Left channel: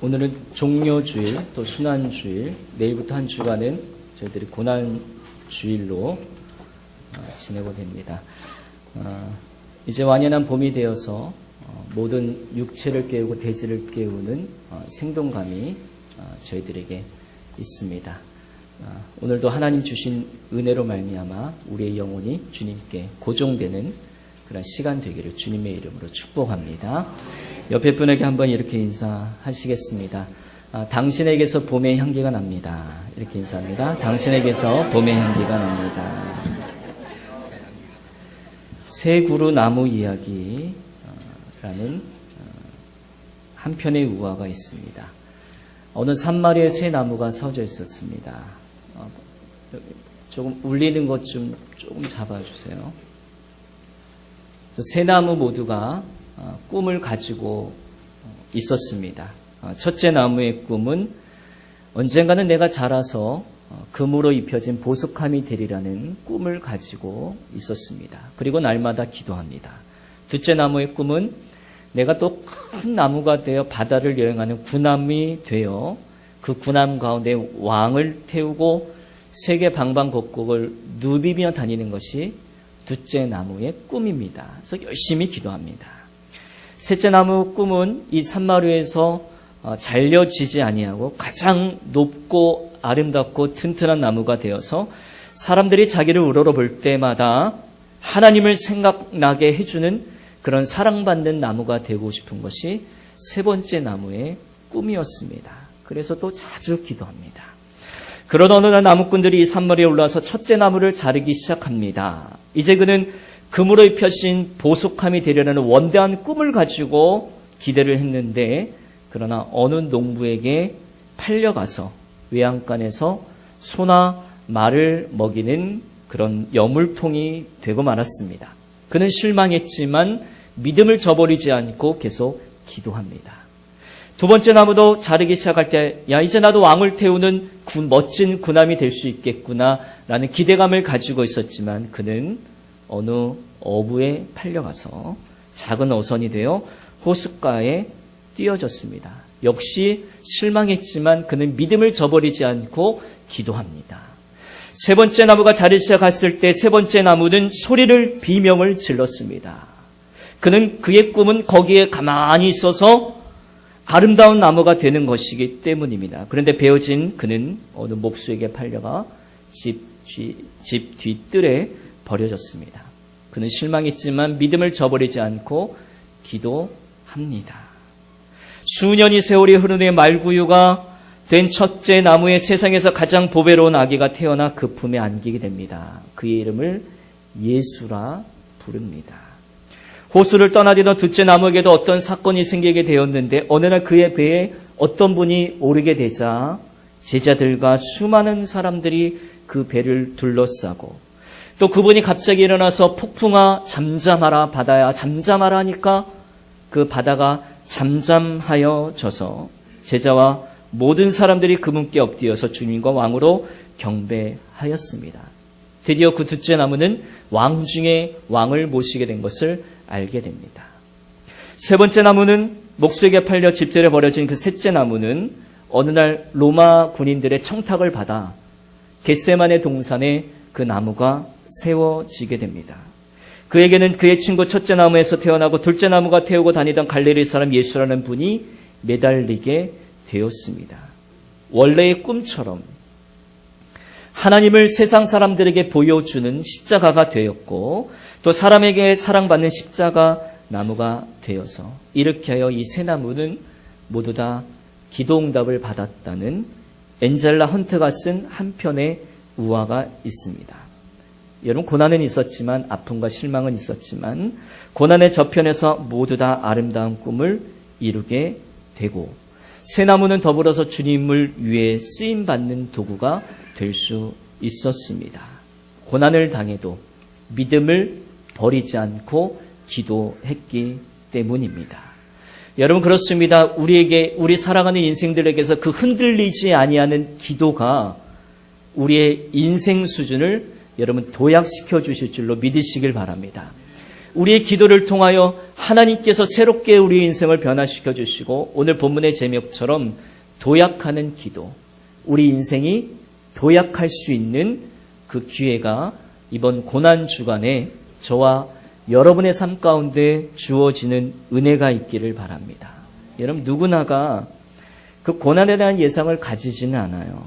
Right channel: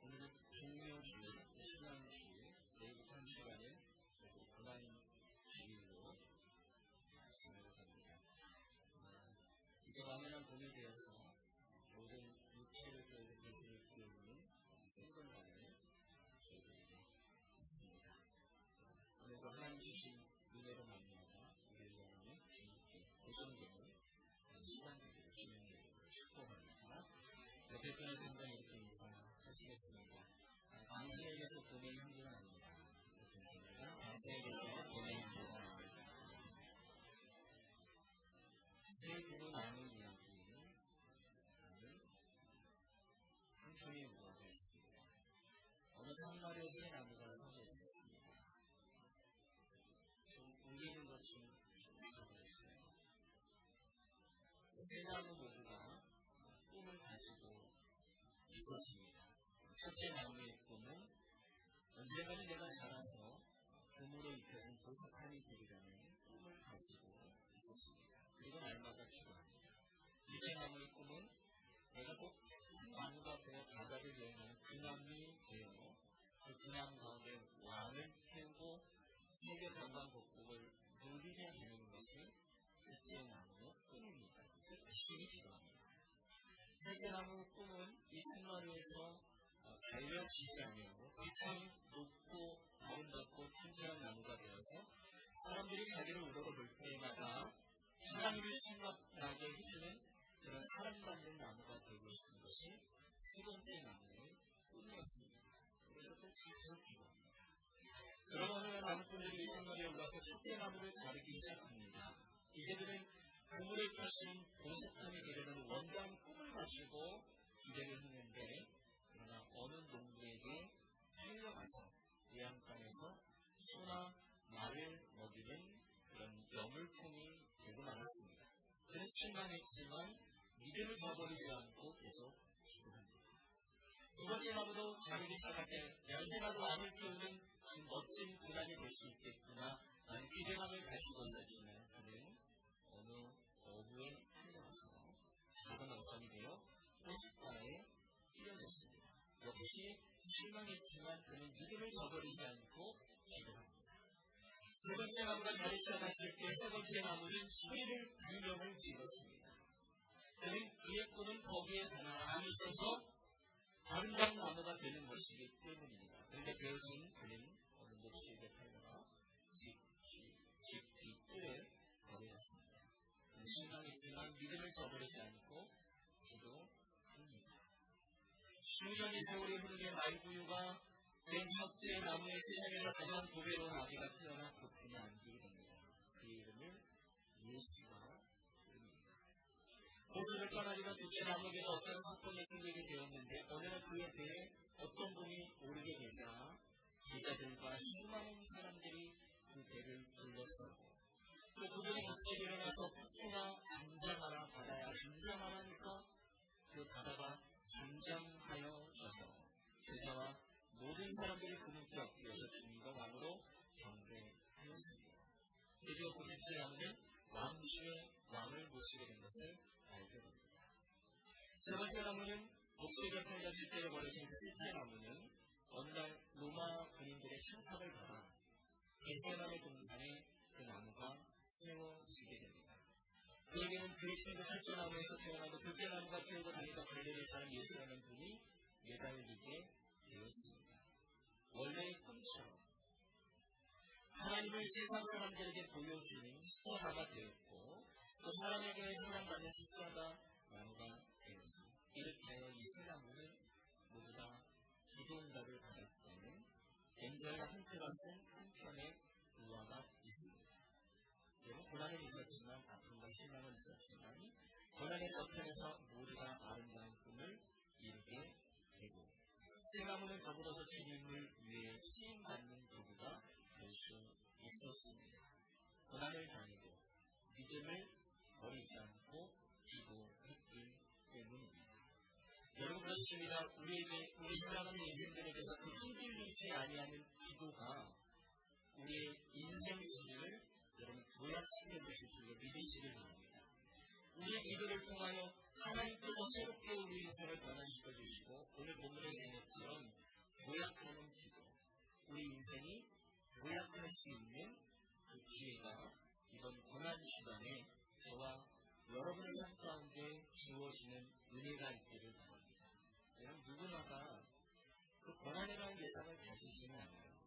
오늘은 종료주일, 또 순환주일, 내일부터 한 주간은 저희들이 고난주일로 지내고 됩니다. 이제 완연한 봄이 되어서 모든 육체를 깨우고 대지를 깨우는 생동감이 저희들에게 있습니다. 오늘도 하나님 주신 은혜로 말미암아 우리의 영혼이 주님께 고정되는 그런 시간 되기를 주님의 이름으로 축복합니다. 옆에 분에게 한번 이렇게 인사하시겠습니다. 당신에게서 봄의 향기가 납니다. 이렇게 인사합니다. 당신에게서 봄의 향기가 납니다. 새 그루 나무 이야기라는 한 편의 우화가 있습니다. 어느 산마리에 새 나무가 서져 있었습니다. 조금 울리는 것 좀 조금 잡아주세요. 새 나무 모두가 꿈을 가지고 있었습니다. 첫째 나무의 꿈은 언젠가는 내가 자라서 금으로 입혀진 보석함이 되리라는 꿈을 가지고 있었습니다. 그리고 날마다 기도합니다. 둘째 나무의 꿈은 내가 또 큰 나무가 되어 바다를 여행하는 군함이 되어 그 군함 가운데 왕을 태우고 세계 방방곡곡을 누비며 다니는 것이 둘째 나무의 꿈입니다. 그래서 열심히 기도합니다. 셋째 나무 꿈은 이 산마루에서 잘려지지 아니하고 가장 높고 아름답고 튼튼한 나무가 되어서 사람들이 자기를 우러러볼 때마다 하나님을 생각나게 해주는 그런 사랑받는 나무가 되고 싶은 것이 세 번째 나무의 꿈이었습니다. 그래서 또 자주 기도합니다. 그런 어느 날 나무꾼들이 이 산마루에 올라와서 첫째 나무를 자르기 시작합니다. 이제 그는 금으로 입혀진 보석함이 되려는 원대한 꿈을 가지고 기대를 했는데, 그러나 어느 농부에게 팔려가서 외양간에서 소나 말을 먹이는 그런 여물통이 되고 말았습니다. 그는 실망했지만 믿음을 저버리지 않고 계속 기도합니다. 두 번째 나무도 자르기 시작할 때, 야, 이제 나도 왕을 태우는 멋진 군함이 될 수 있겠구나 라는 기대감을 가지고 있었지만 그는 어느 어부에 팔려가서 작은 어선이 되어 호숫가에 띄어졌습니다. 역시 실망했지만 그는 믿음을 저버리지 않고 기도합니다. 세 번째 나무가 자르기 시작했을 때 세 번째 나무는 소리를 비명을 질렀습니다. 그는 그의 꿈은 거기에 가만히 있어서 아름다운 나무가 되는 것이기 때문입니다. 그런데 베어진 그는 어느 목수에게 팔려가 집 뒤뜰에 버려졌습니다. 그는 실망했지만 믿음을 저버리지 않고 기도합니다. 수년이 세월이 흐른 후에 말구유가 된 첫째 나무의 세상에서 가장 보배로운 아기가 태어나 그 품에 안기게 됩니다. 그의 이름을 예수라 부릅니다. 호수를 떠나려던 둘째 나무에게도 어떤 사건이 생기게 되었는데 어느 날 그의 배에 어떤 분이 오르게 되자 제자들과 수많은 사람들이 그 배를 둘러싸고 또 그분이 갑자기 일어나서 폭풍아 잠잠하라 바다야 잠잠하라 하니까 그 바다가 잠잠하여져서 제자와 모든 사람들이 그분께 엎드려서 주님과 왕으로 경배하였습니다. 드디어 그 둘째 나무는 왕 중에 왕을 모시게 된 것을 알게 됩니다. 세 번째 나무는 목수에게 팔려 집들에 버려진 그 셋째 나무는 어느 날 로마 군인들의 청탁을 받아 겟세마네 동산에 그 나무가 세워지게 됩니다. 그에게는 그의 친구 첫째 나무에서 태어나고 둘째 나무가 태우고 다니던 갈릴리 사람 예수라는 분이 매달리게 되었습니다. 원래의 꿈처럼 하나님을 세상 사람들에게 보여주는 십자가가 되었고 또 사람에게 사랑받는 십자가 나무가 되어서 이렇게 하여 이 세 나무는 모두 다 기도응답을 받았다는 엔젤라 헌트가 쓴 한 편의 우화가 있습니다. 여러분, 고난은 있었지만 아픔과 실망은 있었지만 고난의 저편에서 모두 다 아름다운 꿈을 이루게 되고 새 나무는 더불어서 주님을 위해 쓰임받는 도구가 될 수 있었습니다. 고난을 당해도 믿음을 버리지 않고 기도했기 때문입니다. 여러분, 그렇습니다. 우리 사랑하는 인생들에게서 그 흔들리지 아니하는 기도가 우리의 인생 수준을 여러분 도약시켜 주실 줄로 믿으시길 바랍니다. 우리의 기도를 통하여 하나님께서 새롭게 우리의 인생을 변화시켜 주시고 오늘 본문의 제목처럼 도약하는 기도, 우리 인생이 도약할 수 있는 그 기회가 이번 고난주간에 저와 여러분의 삶 가운데 주어지는 은혜가 있기를 바랍니다. 여러분 누구나가 그 고난에 대한 예상을 가지지는 않아요.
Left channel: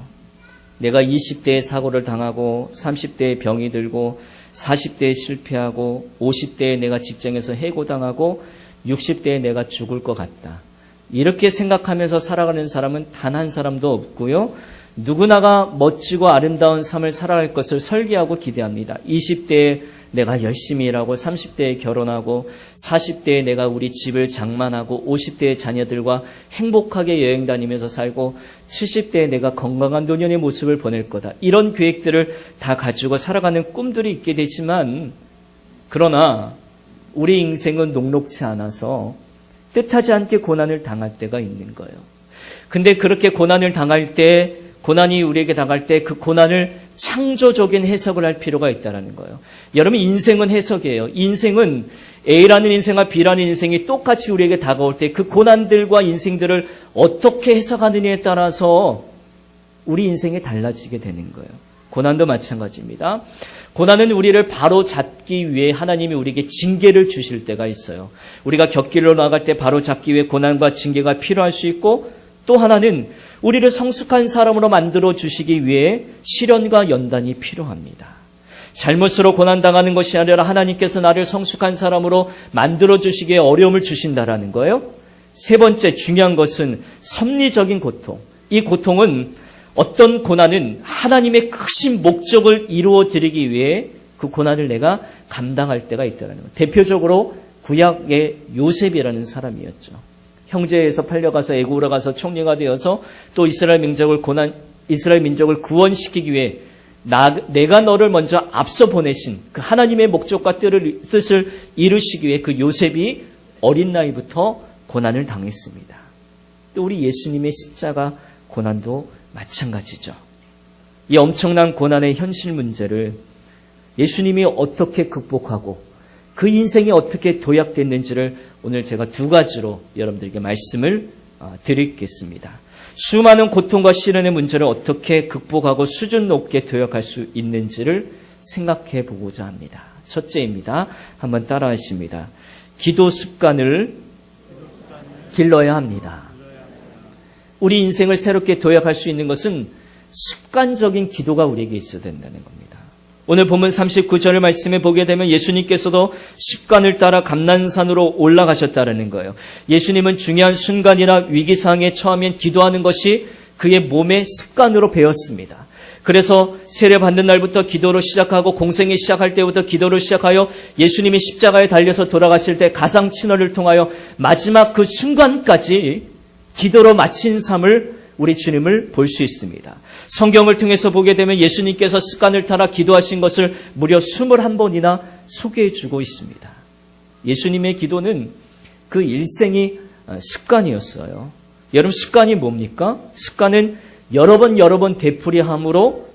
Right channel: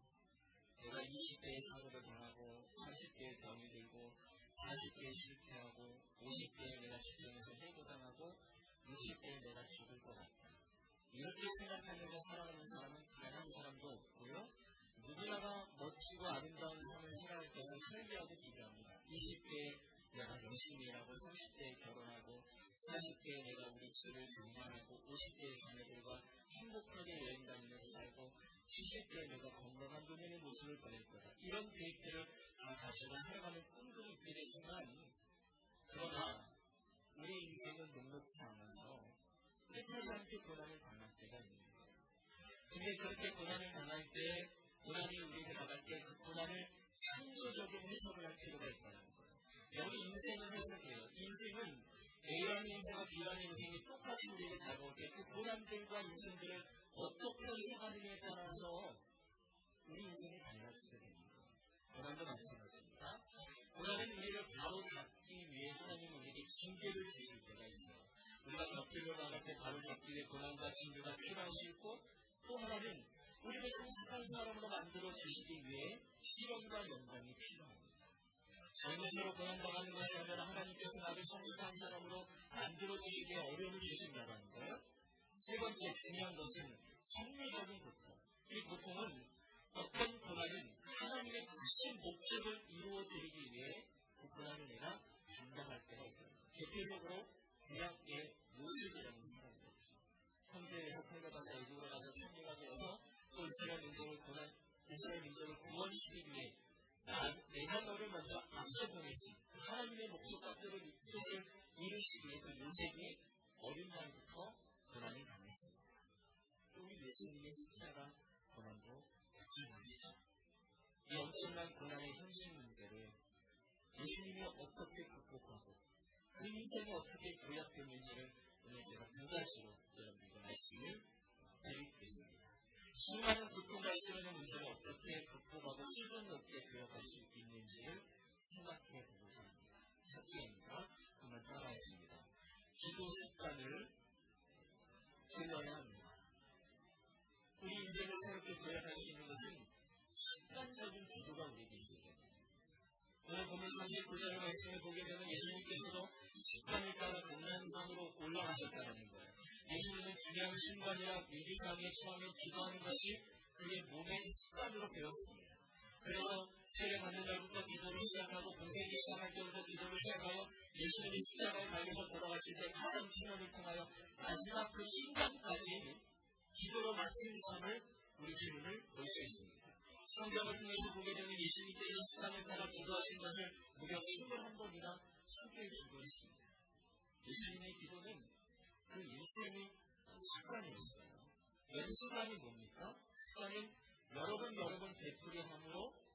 내가 20대에 사고를 당하고 30대에 병이 들고 40대에 실패하고 50대에 내가 직장에서 해고당하고 60대에 내가 죽을 것 같다. 이렇게 생각하면서 살아가는 사람은 단 한 사람도 없고요. 누구나가 멋지고 아름다운 삶을 살아갈 것을 설계하고 기대합니다. 20대에 내가 열심히 일하고 30대에 결혼하고 40대에 내가 우리 집을 장만하고 50대의 자녀들과 행복하게 여행 다니면서 살고 70대에 내가 건강한 노년의 모습을 보낼 거다. 이런 계획들을 다 가지고 살아가는 꿈들이 있게 되지만 그러나 우리 인생은 녹록지 않아서 뜻하지 않게 고난을 당할 때가 있는 거예요. 근데 그렇게 고난을 당할 때 고난이 우리에게 당할 때 그 고난을 창조적인 해석을 할 필요가 있다는 거예요. 여러분 인생은 해석이에요. 인생은 A라는 인생과 B라는 인생이 똑같이 우리에게 다가올 때 그 고난들과 인생들을 어떻게 해석하느냐에 따라서 우리 인생이 달라지게 되는 거예요. 고난도 마찬가지입니다. 고난은 우리를 바로 잡기 위해 하나님이 우리에게 징계를 주실 때가 있어요. 우리가 곁길로 나갈 때 바로 잡기 위해 고난과 징계가 필요할 수 있고 또 하나는 우리를 성숙한 사람으로 만들어 주시기 위해 시련과 연단이 필요합니다. 잘못으로 고난당하는 것이 아니라 하나님께서 나를 성숙한 사람으로 만들어 주시기에 어려움을 주신다라는 거예요. 세 번째 중요한 것은 섭리적인 고통. 이 고통은 어떤 고난은 하나님의 크신 목적을 이루어 드리기 위해 그 고난을 내가 감당할 때가 있다는 거예요. 대표적으로 구약의 요셉이라는 사람이었죠. 형제에서 팔려가서 애굽으로 가서 총리가 되어서 또 이스라엘 민족을 구원시키기 위해 내가 너를 먼저 앞서 보내신 그 하나님의 목적과 뜻을 이루시기 위해 그 요셉이 어린 나이부터 고난을 당했습니다. 또 우리 예수님의 십자가 고난도 마찬가지죠. 이 엄청난 고난의 현실 문제를 예수님이 어떻게 극복하고 그 인생이 어떻게 도약됐는지를 오늘 제가 두 가지로 여러분들에게 말씀을 드리겠습니다. 수많은 고통과 시련의 문제를 어떻게 극복하고 수준 높게 도약할 수 있는지를 생각해 보고자 합니다. 첫째입니다. 한번 따라하십니다. 기도 습관을 길러야 합니다. 우리 인생을 새롭게 도약할 수 있는 것은 습관적인 기도가 우리에게 있어야 된다는 겁니다. 오늘 본문 39절을 말씀해 보게 되면 예수님께서도 습관을 따라 감난산으로 올라가셨다는 거예요. 예수님은 중요한 순간이나 위기상황에 처하면 기도하는 것이 그의 몸의 습관으로 배웠습니다. 그래서 세례 받는 날부터 기도로 시작하고 공생이 시작할 때부터 기도로 시작하여 예수님이 십자가에 달려서 돌아가실 때 가상친언을 통하여 마지막 그 순간까지 기도로 마친 삶을 우리 주님을 볼 수 있습니다. 성경을 통해서 보게 되면 예수님께서 습관을 따라 기도하신 것을 무려 21번이나 소개해 주고 있습니다. 예수님의 기도는 그 일생이 습관이었어요. 여러분 습관이 뭡니까? 습관은 여러 번 되풀이함으로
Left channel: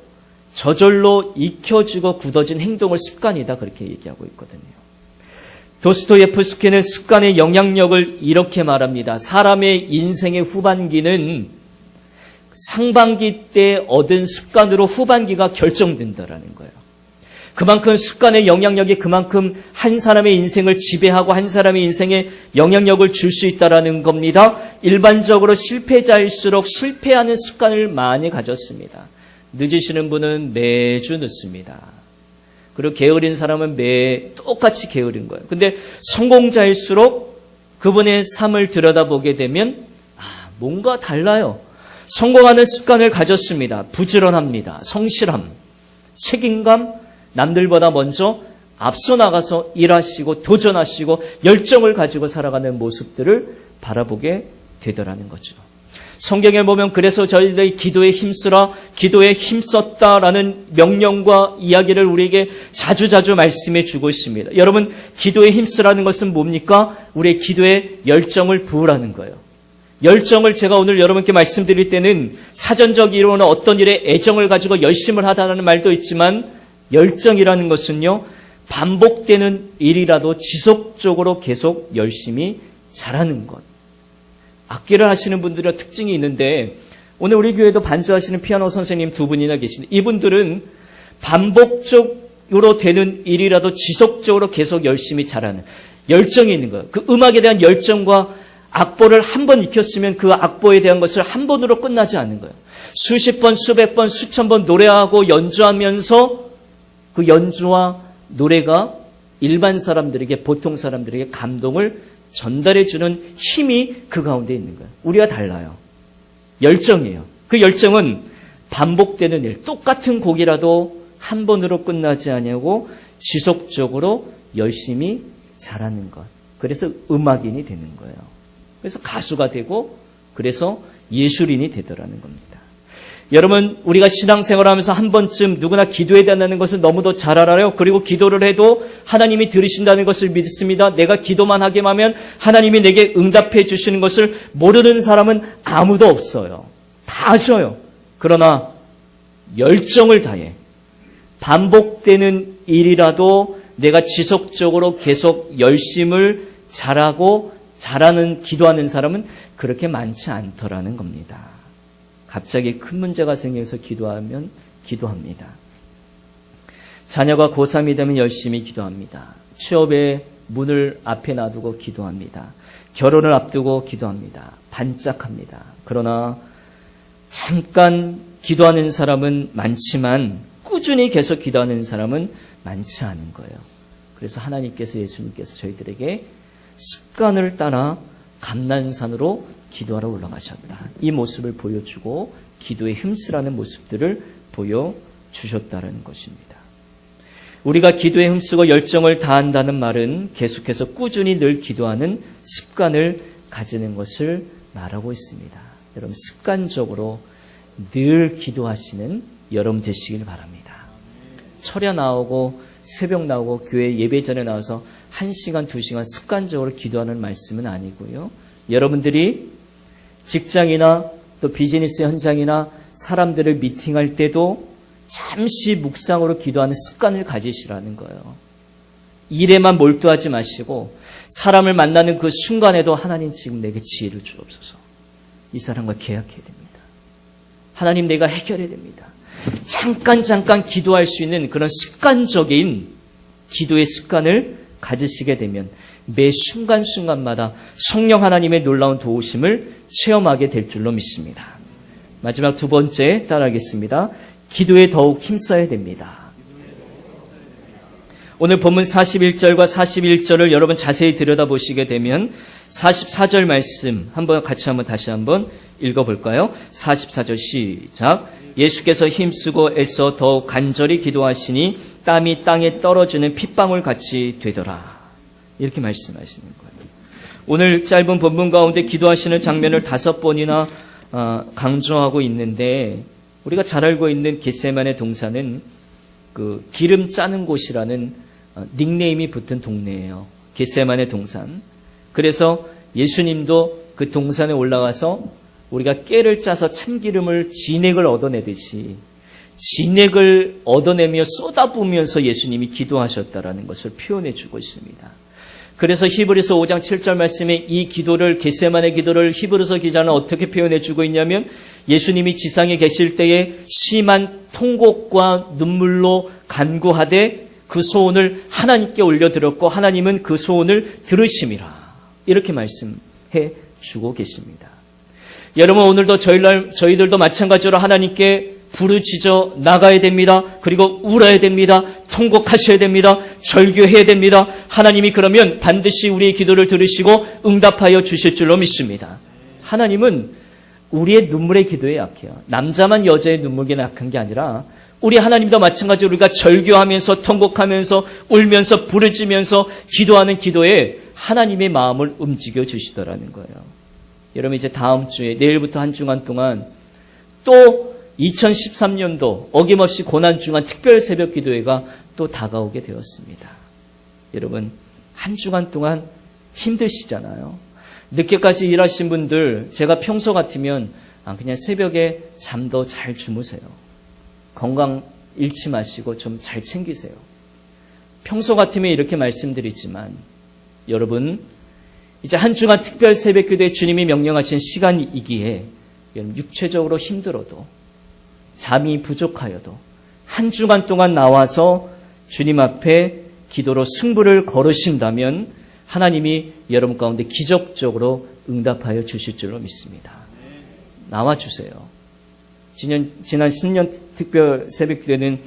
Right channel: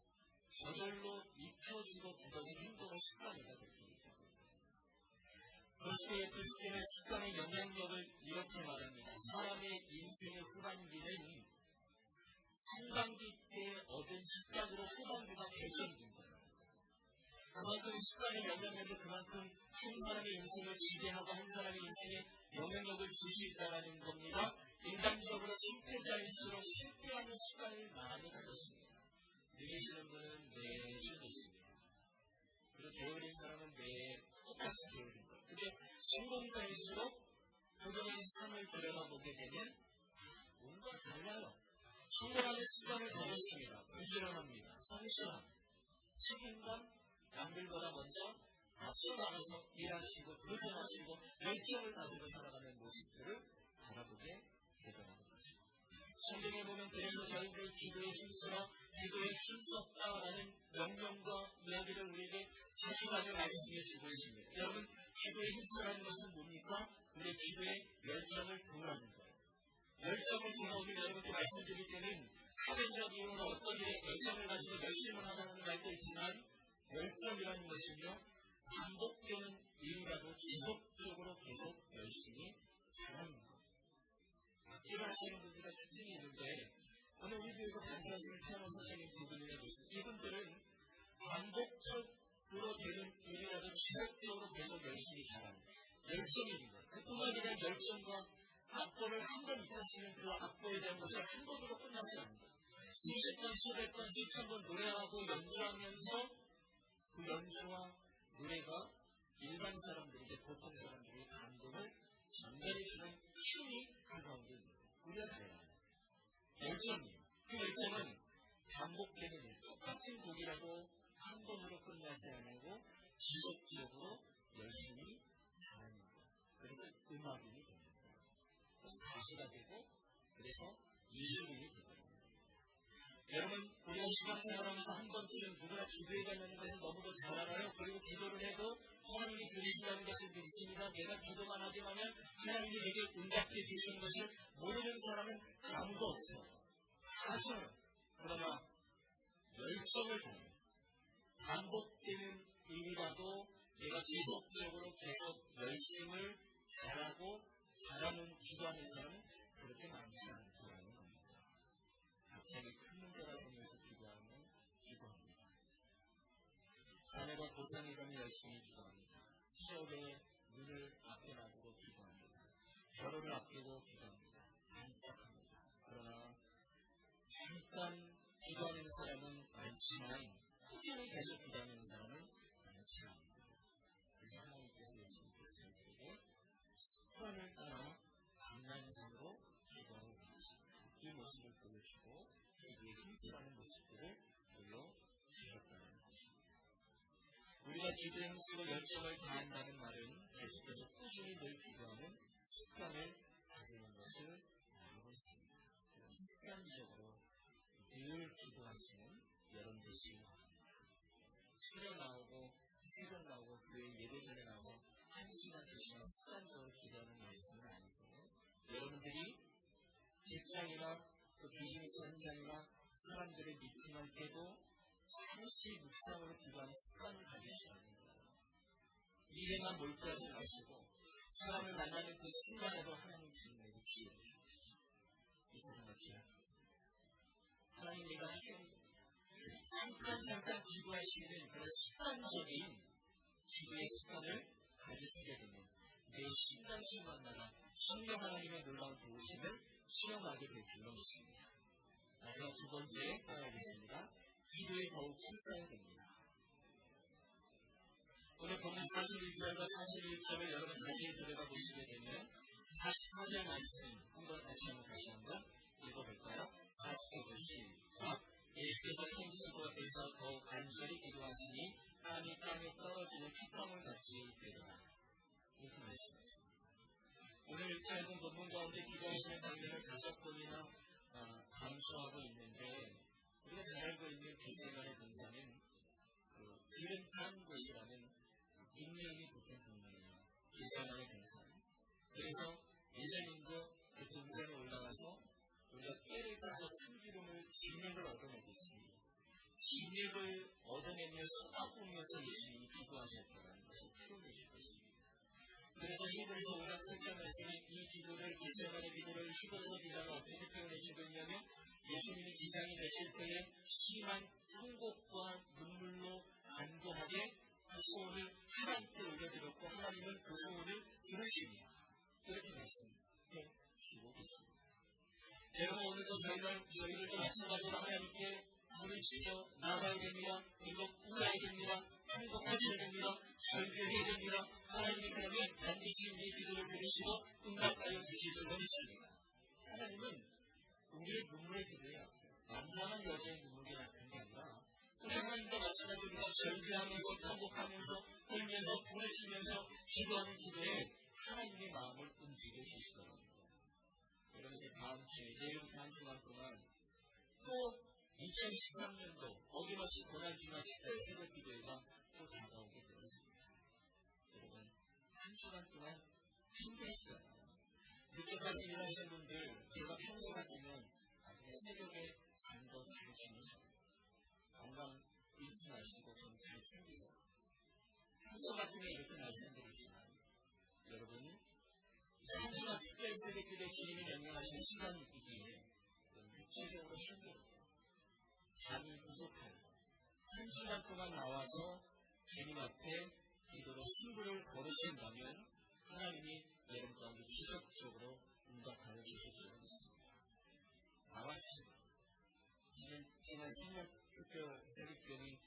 저절로 익혀지고 굳어진 행동을 습관이다 그렇게 얘기하고 있거든요. 도스토예프스키는 습관의 영향력을 이렇게 말합니다. 사람의 인생의 후반기는 상반기 때 얻은 습관으로 후반기가 결정된다라는 거예요. 그만큼 습관의 영향력이 그만큼 한 사람의 인생을 지배하고 한 사람의 인생에 영향력을 줄 수 있다라는 겁니다. 일반적으로 실패자일수록 실패하는 습관을 많이 가졌습니다. 늦으시는 분은 매주 늦습니다. 그리고 게으른 사람은 똑같이 게으른 거예요. 근데 성공자일수록 그분의 삶을 들여다보게 되면 뭔가 달라요. 성공하는 습관을 가졌습니다. 부지런합니다. 성실함, 책임감, 남들보다 먼저 앞서 나가서 일하시고 도전하시고 열정을 가지고 살아가는 모습들을 바라보게 되더라는 거죠. 성경에 보면 그래서 저희들이 기도에 힘쓰라, 기도에 힘썼다라는 명령과 이야기를 우리에게 자주자주 말씀해 주고 있습니다. 여러분, 기도에 힘쓰라는 것은 뭡니까? 우리의 기도에 열정을 부으라는 거예요. 열정을 제가 오늘 여러분께 말씀드릴 때는 사전적 이론은 어떤 일에 애정을 가지고 열심을 하다는 말도 있지만 열정이라는 것은요, 반복되는 일이라도 지속적으로 계속 열심히 잘하는 것. 악기를 하시는 분들의 특징이 있는데 오늘 우리 교회도 반주하시는 피아노 선생님 두 분이나 계신데 이분들은 반복적으로 되는 일이라도 지속적으로 계속 열심히 잘하는 열정이 있는 거예요. 그 음악에 대한 열정과 악보를 한 번 익혔으면 그 악보에 대한 것을 한 번으로 끝나지 않는 거예요. 수십 번, 수백 번, 수천 번 노래하고 연주하면서 그 연주와 노래가 일반 사람들에게, 보통 사람들에게 감동을 전달해주는 힘이 그 가운데 있는 거예요. 우리가 달라요. 열정이에요. 그 열정은 반복되는 일, 똑같은 곡이라도 한 번으로 끝나지 않냐고 지속적으로 열심히 잘하는 것. 그래서 음악인이 되는 거예요. 그래서 가수가 되고 그래서 예술인이 되더라는 겁니다. 여러분, 우리가 신앙생활하면서 한 번쯤 누구나 기도해야 된다는 것을 너무도 잘 알아요. 그리고 기도를 해도 하나님이 들으신다는 것을 믿습니다. 내가 기도만 하게 하면 하나님이 내게 응답해 주시는 것을 모르는 사람은 아무도 없어요. 다 아셔요. 그러나 열정을 다해 반복되는 일이라도 내가 지속적으로 계속 열심을 잘하는 기도하는 사람은 그렇게 많지 않더라는 겁니다. 갑자기 큰 문제가 생겨서 기도합니다. 자녀가 고3이 되면 열심히 기도합니다. 취업의 문을 앞에 놔두고 기도합니다. 결혼을 앞두고 기도합니다. 반짝합니다. 그러나 잠깐 기도하는 사람은 많지만 꾸준히 계속 기도하는 사람은 많지 않은 거예요. 그래서 하나님께서, 예수님께서 저희들에게 습관을 따라 감난산으로 기도하러 올라가셨다. 이 모습을 보여주고 기도에 힘쓰라는 모습들을 보여주셨다는 것입니다. 우리가 기도에 힘쓰고 열정을 다한다는 말은 계속해서 꾸준히 늘 기도하는 습관을 가지는 것을 말하고 있습니다. 여러분, 습관적으로 늘 기도하시는 여러분 되시길 바랍니다. 철야 나오고 새벽 나오고 교회 예배 전에 나와서 1시간, 2시간 습관적으로 기도하는 말씀은 아니고요. 여러분들이 직장이나 또 비즈니스 현장이나 사람들을 미팅할 때도 잠시 묵상으로 기도하는 습관을 가지시라는 거예요. 일에만 몰두하지 마시고 사람을 만나는 그 순간에도 하나님 지금 내게 지혜를 주옵소서. 이 사람과 계약해야 됩니다. 하나님 내가 해결해야 됩니다. 잠깐 기도할 수 있는 그런 습관적인 기도의 습관을 가지시게 되면 매 순간순간마다 성령 하나님의 놀라운 도우심을 체험하게 될 줄로 믿습니다. 마지막 두 번째 따라하겠습니다. 기도에 더욱 힘써야 됩니다. 오늘 본문 41절과 41절을 여러분 자세히 들여다보시게 되면 44절 말씀 다시 한번 읽어볼까요? 44절 시작. 예수께서 힘쓰고 애써 더욱 간절히 기도하시니 땀이 땅에 떨어지는 핏방울 같이 되더라. 이렇게 말씀하시는 거예요. 오늘 짧은 본문 가운데 기도하시는 장면을 5번이나 강조하고 있는데 우리가 잘 알고 있는 겟세마네 동산은 그 기름 짜는 곳이라는 닉네임이 붙은 동네예요. 겟세마네 동산. 그래서 예수님도 그 동산에 올라가서 우리가 깨를 짜서 참기름을 진액을 얻어내듯이 진액을 얻어내며 쏟아부으면서 예수님이 기도하셨다라는 것을 표현해 주고 있습니다. 그래서 히브리서 5장 7절 말씀에 이 기도를, 겟세마네 기도를 히브리서 기자는 어떻게 표현해 주고 있냐면 예수님이 지상에 계실 때에 심한 통곡과 눈물로 간구하되 그 소원을 하나님께 올려드렸고 하나님은 그 소원을 들으심이라. 이렇게 말씀해 주고 계십니다. 여러분, 오늘도 저희들도 마찬가지로 하나님께 부르짖어 나가야 됩니다. 그리고 울어야 됩니다. 통곡하셔야 됩니다. 절규해야 됩니다. 하나님이 그러면 반드시 우리의 기도를 들으시고 응답하여 주실 줄로 믿습니다. 하나님은 우리의 눈물의 기도에 약해요. 남자만 여자의 눈물에 약한 게 아니라 우리 하나님도 마찬가지로 우리가 절규하면서 통곡하면서 울면서 부르짖으면서 기도하는 기도에 하나님의 마음을 움직여 주시더라는 거예요. 여러분, 이제 다음 주에 내일부터 한 주간 동안 또 2013년도 어김없이 고난주간 특별 새벽 기도회가 또 다가오게 되었습니다. 여러분, 한 주간 동안 힘드시잖아요. 늦게까지 일하신 분들, 제가 평소 같으면 그냥 새벽에 잠도 잘 주무세요. 건강 잃지 마시고 좀 잘 챙기세요. 평소 같으면 이렇게 말씀드리지만 여러분 이제 한 주간 특별 새벽기도에 주님이 명령하신 시간이기에 육체적으로 힘들어도 잠이 부족하여도 한 주간 동안 나와서 주님 앞에 기도로 승부를 걸으신다면 하나님이 여러분 가운데 기적적으로 응답하여 주실 줄로 믿습니다. 나와주세요. 지난 신년 특별 새벽기도에는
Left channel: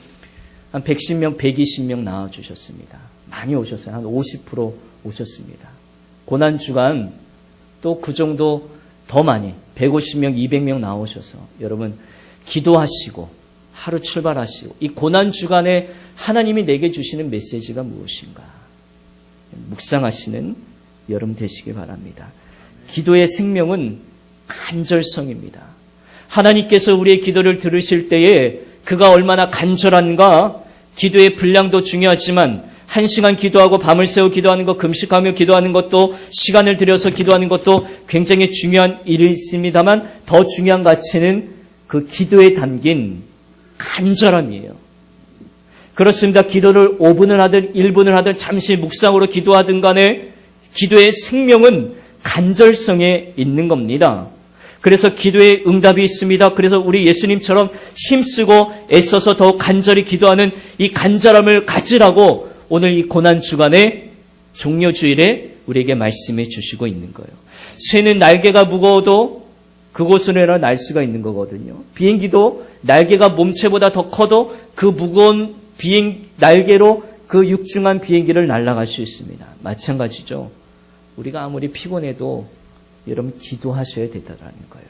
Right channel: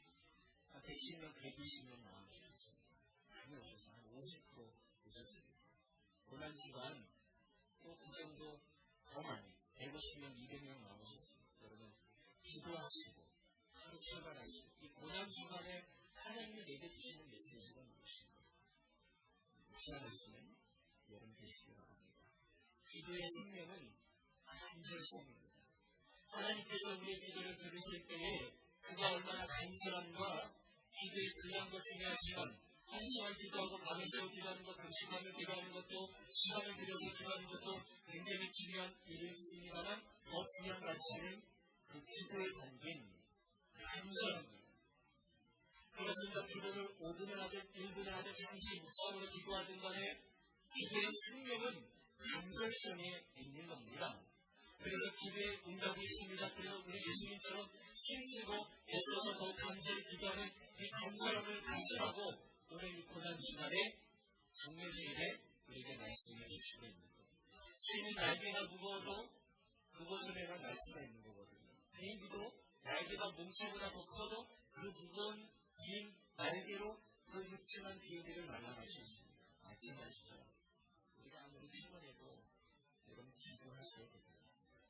한 110명, 120명 나와주셨습니다. 많이 오셨어요. 한 50% 오셨습니다. 고난주간 또 그 정도 더 많이 150명, 200명 나오셔서 여러분 기도하시고 하루 출발하시고 이 고난주간에 하나님이 내게 주시는 메시지가 무엇인가 묵상하시는 여러분 되시기 바랍니다. 기도의 생명은 간절성입니다. 하나님께서 우리의 기도를 들으실 때에 그가 얼마나 간절한가 기도의 분량도 중요하지만 1시간 기도하고 밤을 새워 기도하는 것, 금식하며 기도하는 것도 시간을 들여서 기도하는 것도 굉장히 중요한 일이 있습니다만 더 중요한 가치는 그 기도에 담긴 간절함이에요. 그렇습니다. 기도를 5분을 하든 1분을 하든 잠시 묵상으로 기도하든 간에 기도의 생명은 간절성에 있는 겁니다. 그래서 기도에 응답이 있습니다. 그래서 우리 예수님처럼 힘쓰고 애써서 더 간절히 기도하는 이 간절함을 가지라고 오늘 이 고난주간의 종료주일에 우리에게 말씀해 주시고 있는 거예요. 새는 날개가 무거워도 그곳으로 날 수가 있는 거거든요. 비행기도 날개가 몸체보다 더 커도 그 무거운 날개로 그 육중한 비행기를 날아갈 수 있습니다. 마찬가지죠. 우리가 아무리 피곤해도 여러분 기도하셔야 된다는 거예요.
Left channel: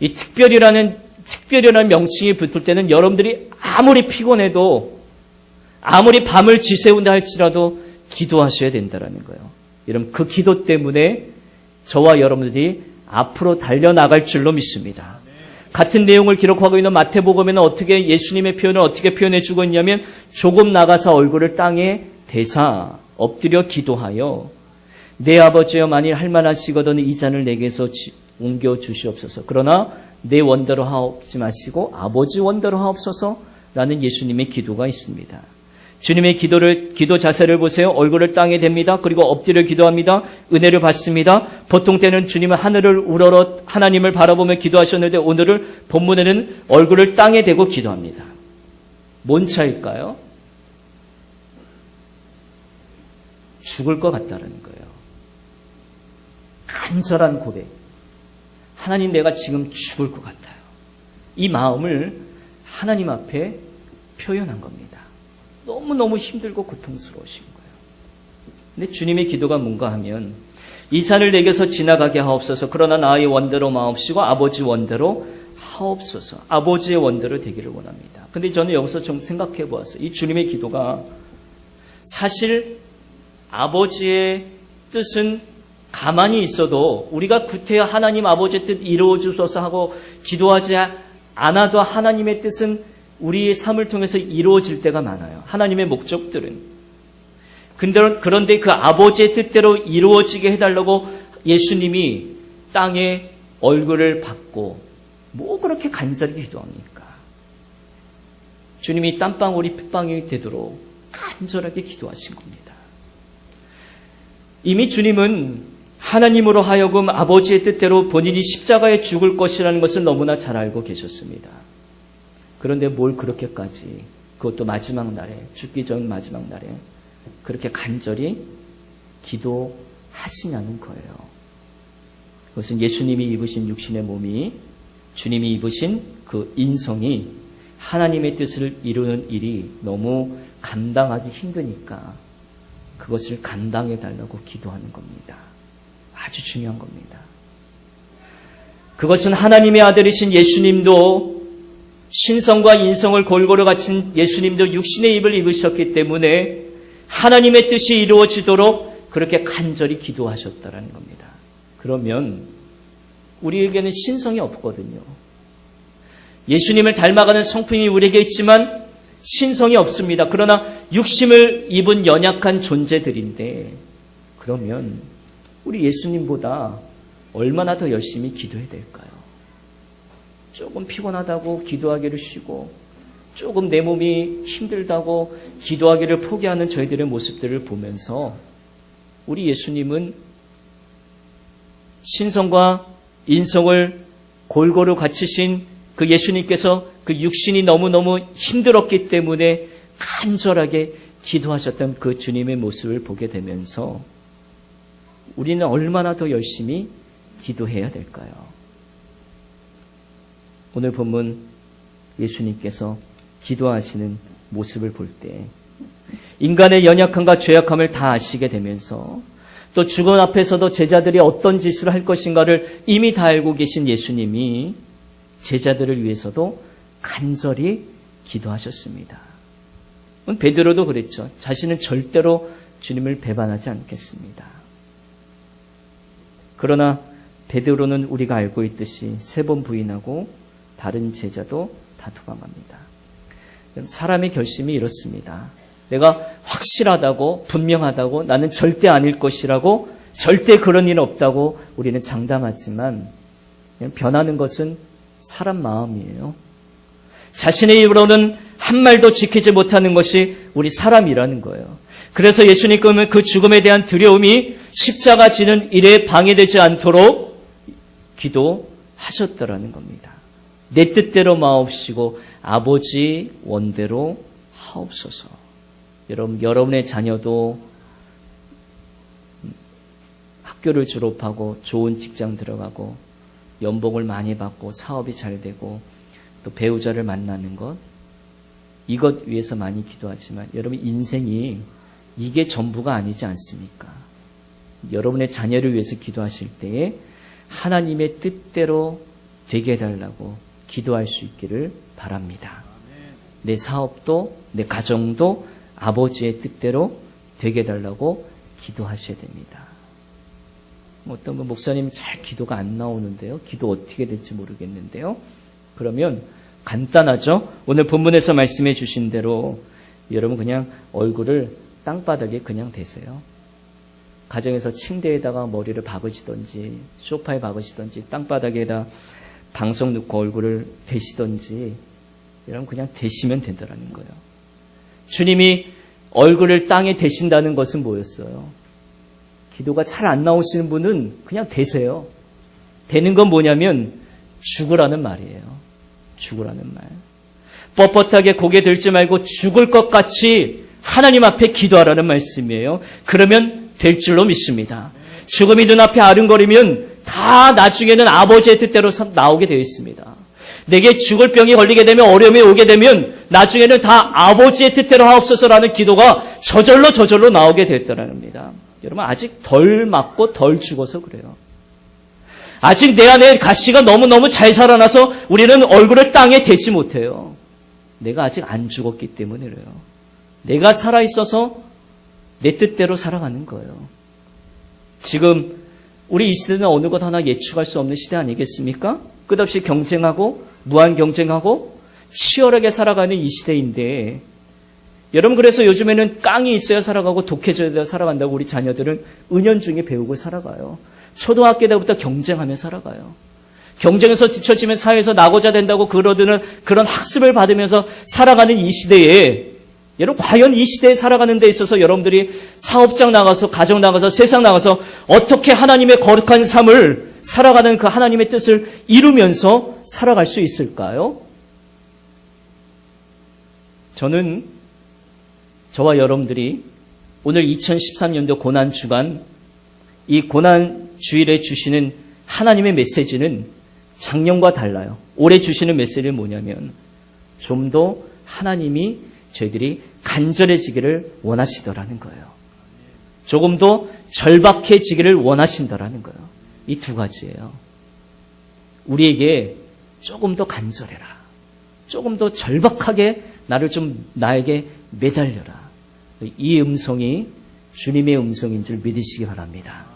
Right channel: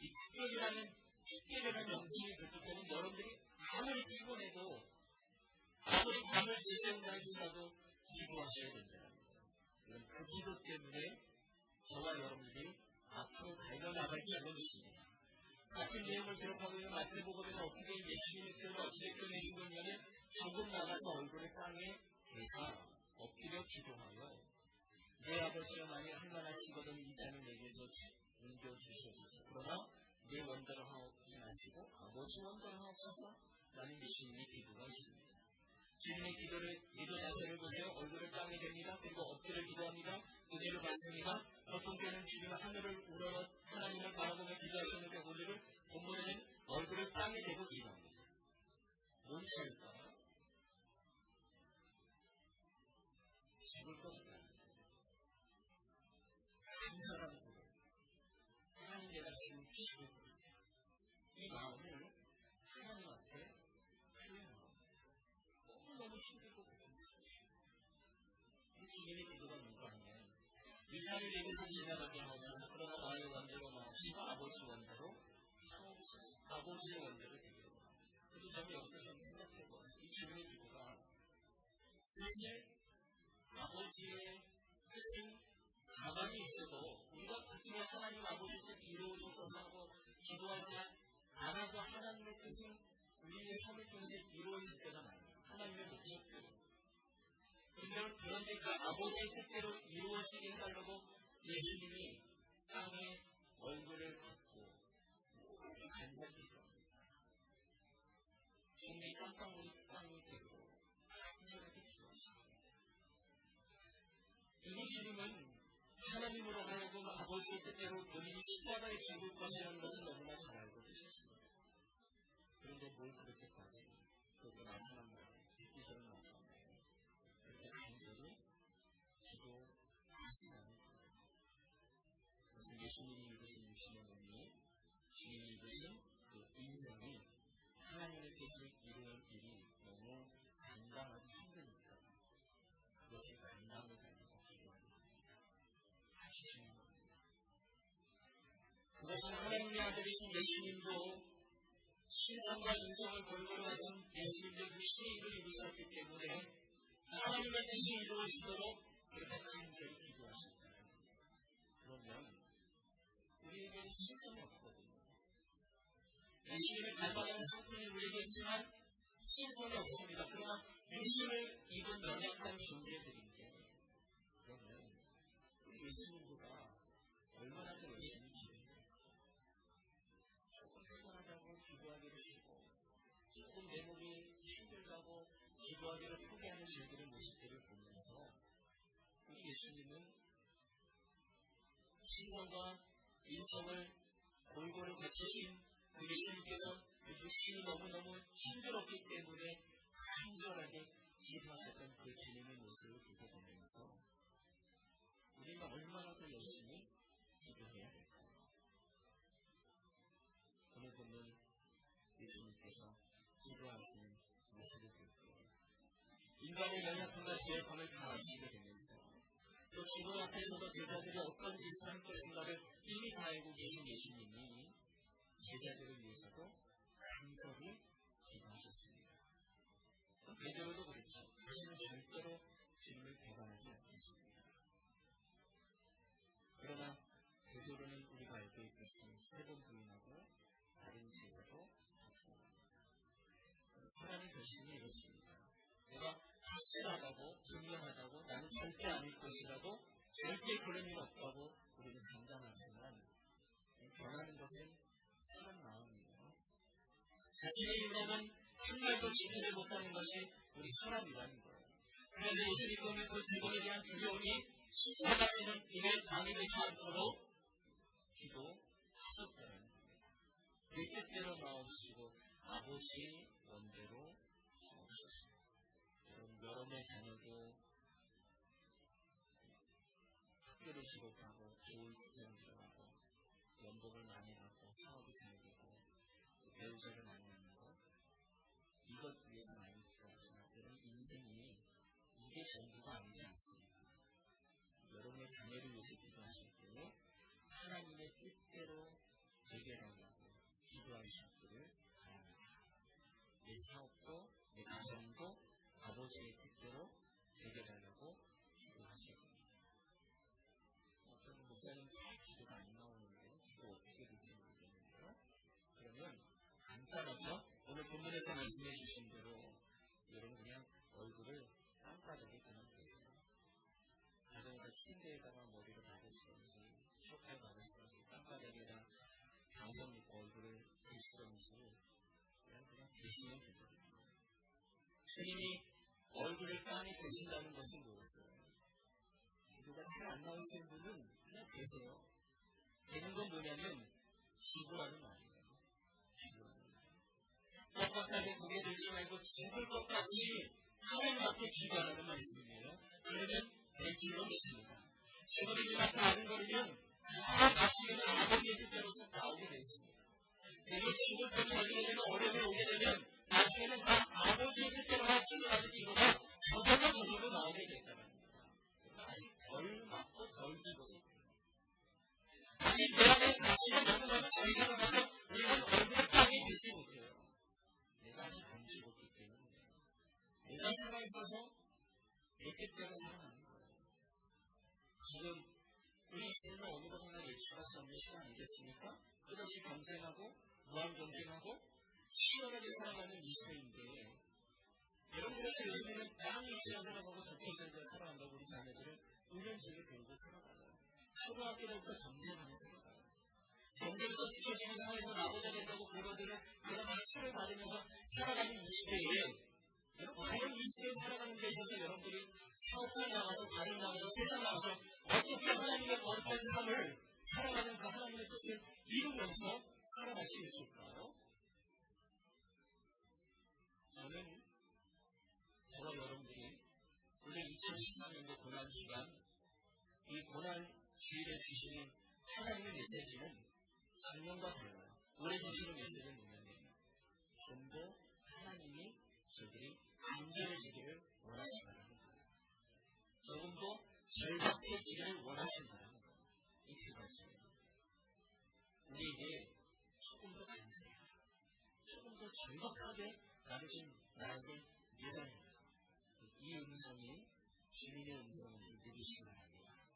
이 특별이라는 명칭이 붙을 때는 여러분들이 아무리 피곤해도 아무리 밤을 지새운다 할지라도 기도하셔야 된다는 거예요. 여러분 그 기도 때문에 저와 여러분들이 앞으로 달려나갈 줄로 믿습니다. 같은 내용을 기록하고 있는 마태복음에는 어떻게 예수님의 표현을 어떻게 표현해 주고 있냐면 조금 나가서 얼굴을 땅에 대사 엎드려 기도하여 내 아버지여 만일 할만하시거든 이 잔을 내게서 옮겨 주시옵소서. 그러나 내 원대로 하옵지 마시고 아버지 원대로 하옵소서라는 예수님의 기도가 있습니다. 주님의 기도 자세를 보세요. 얼굴을 땅에 댑니다. 그리고 엎드려 기도합니다. 은혜를 받습니다. 보통 때는 주님은 하늘을 우러러 하나님을 바라보며 기도하셨는데 오늘은 본문에는 얼굴을 땅에 대고 기도합니다. 뭔 차일까요? 죽을 것 같다는 거예요. 간절한 고백. 하나님 내가 지금 죽을 것 같아요. 이 마음을 하나님 앞에 표현한 겁니다. 너무너무 힘들고 고통스러우신 거예요. 근데 주님의 기도가 뭔가 하면 이 잔을 내게서 지나가게 하옵소서. 그러나 나의 원대로 마옵시고 아버지 원대로 하옵소서. 아버지의 원대로 되기를 원합니다. 근데 저는 여기서 좀 생각해 보았어요. 이 주님의 기도가 사실 아버지의 뜻은 가만히 있어도 우리가 구태여 하나님 아버지의 뜻 이루어 주소서 하고 기도하지 않아도 하나님의 뜻은 우리의 삶을 통해서 이루어질 때가 많아요. 하나님의 목적들은. 그런데 그 아버지의 뜻대로 이루어지게 해달라고 예수님이 땅에 얼굴을 받고 뭐 그렇게 간절히 기도합니까? 주님이 땀방울이 핏방울이 되도록 간절하게 기도하신 겁니다. 이미 주님은 하나님으로 하여금 아버지의 뜻대로 본인이 십자가에 죽을 것이라는 것을 너무나 잘 알고 계셨습니다. 그런데 뭘 그렇게까지 그것도 마지막 날에 죽기 전 마지막 날에 그렇게 간절히 기도하시냐는 거예요. 그것은 예수님이 입으신 육신의 몸이 주님이 입으신 그 인성이 하나님의 뜻을 이루는 일이 너무 감당하기 힘드니까 그것을 감당해 달라고 기도하는 겁니다. 아주 중요한 겁니다. 그것은 하나님의 아들이신 예수님도 신성과 인성을 골고루 갖춘 예수님도 육신의 입을 입으셨기 때문에 하나님의 뜻이 이루어지도록 그렇게 간절히 기도하셨다는 겁니다. 그러면 우리에게는 신성이 없거든요. 예수님을 닮아가는 성품이 우리에게 있지만 신성이 없습니다. 그러나 육심을 입은 연약한 존재들인데 그러면 우리 예수님보다 얼마나 더 열심히 기도해야 될까요? 조금 피곤하다고 기도하기를 쉬고 조금 내 몸이 힘들다고 기도하기를 포기하는 저희들의 모습들을 보면서 우리 예수님은 신성과 인성을 골고루 갖추신 그 예수님께서 그 육신이 너무너무 힘들었기 때문에 간절하게 기도하셨던 그 주님의 모습을 보게 되면서 우리는 얼마나 더 열심히 기도해야 될까요? 오늘 본문 예수님께서 기도하시는 모습을 볼 때 인간의 연약함과 죄악함을 다 아시게 되면서 또 죽음 앞에서도 제자들이 어떤 짓을 할 것인가를 이미 다 알고 계신 예수님이 제자들을 위해서도 간절히 기도하셨습니다. 베드로도 그랬죠. 자신은 절대로 주님을 배반하지 않겠습니다. 그러나 베드로는 우리가 알고 있듯이 3번 부인하고 다른 제자도 다 도망갑니다. 사람의 결심이 이렇습니다. 내가 확실하다고 분명하다고 나는 절대 아닐 것이라고 절대 그런 일 없다고 우리는 장담하지만 변하는 것은 사람 마음이에요. 자신의 입으로는 한 말도 지키지 못하는 것이 우리 사람이라는 거예요. 그래서 예수님은 그 죽음에 대한 두려움이 십자가 지는 일에 방해되지 않도록 기도하셨더라는 겁니다. 내 뜻대로 마옵시고 아버지 원대로 하옵소서. 여러분의 자녀도 학교를 졸업하고 좋은 직장 들어가고 연봉을 많이 받고 사업이 잘 되고 또 배우자를 만나는 것, 이것 위해서 많이 기도하지만 여러분 인생이 이게 전부가 아니지 않습니까? 여러분의 자녀를 위해서 기도하실 때에 하나님의 뜻대로 되게 해달라고 기도할 수 있기를 바랍니다. 내 사업도 내 가정도 아버지의 뜻대로 되게 해달라고 기도하셔야 됩니다. 어떤 분 목사님 잘 기도가 안 나오는데요. 기도 어떻게 될지 모르겠는데요. 그러면 간단하죠. 오늘 본문에서 말씀해 주신 대로 여러분 그냥 얼굴을 땅바닥에 그냥 대세요. 가정에서 침대에다가 머리를 박으시던지 소파에 박으시던지 땅바닥에다 방석 놓고 얼굴을 대시던지 여러분 그냥 대시면 된다는 거예요. 주님이 얼굴을 땅에 대신다는 것은 뭐였어요? 기도가 잘 안 나오시는 분은 그냥 대세요. 되는 건 뭐냐면 죽으라는 말이에요. 죽으라는 말. 뻣뻣하게 고개 들지 말고 죽을 것 같이 하나님 앞에 기도하라는 말씀이에요. 그러면 될 줄로 믿습니다. 죽음이 눈앞에 아른거리면 다 나중에는 아버지의 뜻대로 나오게 되어 있습니다. 내게 죽을 병이 걸리게 되면 어려움이 오게 되면 나중에는 다 아버지의 뜻대로 하옵소서라는 기도가 저절로 나오게 됐다는 겁니다. 여러분 아직 덜 맞고 덜 죽어서 그래요. 아직 내 안에 가시가 너무너무 잘 살아나서 우리는 얼굴을 땅에 대지 못해요. 내가 아직 안 죽었기 때문에 그래요. 내가 살아있어서 내 뜻대로 살아가는 거예요. 지금 우리 이 시대는 어느 것 하나 예측할 수 없는 시대 아니겠습니까? 끝없이 경쟁하고 무한 경쟁하고 치열하게 살아가는 이 시대인데 여러분 그래서 요즘에는 깡이 있어야 살아가고 독해져야 살아간다고 우리 자녀들은 은연중에 배우고 살아가요. 초등학교 때부터 경쟁하며 살아가요. 경쟁에서 뒤처지면 사회에서 나고자 된다고 그러드는 그런 학습을 받으면서 살아가는 이 시대에 여러분 과연 이 시대에 살아가는 데 있어서 여러분들이 사업장 나가서 가정 나가서 세상 나가서 어떻게 하나님의 거룩한 삶을 살아가는 그 하나님의 뜻을 이루면서 살아갈 수 있을까요? 저는 저와 여러분들이 오늘 2013년도 고난주간 이 고난주일에 주시는 하나님의 메시지는 작년과 달라요. 올해 주시는 메시지는 뭐냐면 좀 더 하나님이 저희들이 간절해지기를 원하시더라는 거예요. 조금 더 절박해지기를 원하신다라는 거예요. 이 두 가지예요. 우리에게 조금 더 간절해라. 조금 더 절박하게 나에게 매달려라. 이 음성이 주님의 음성인 줄 믿으시기 바랍니다.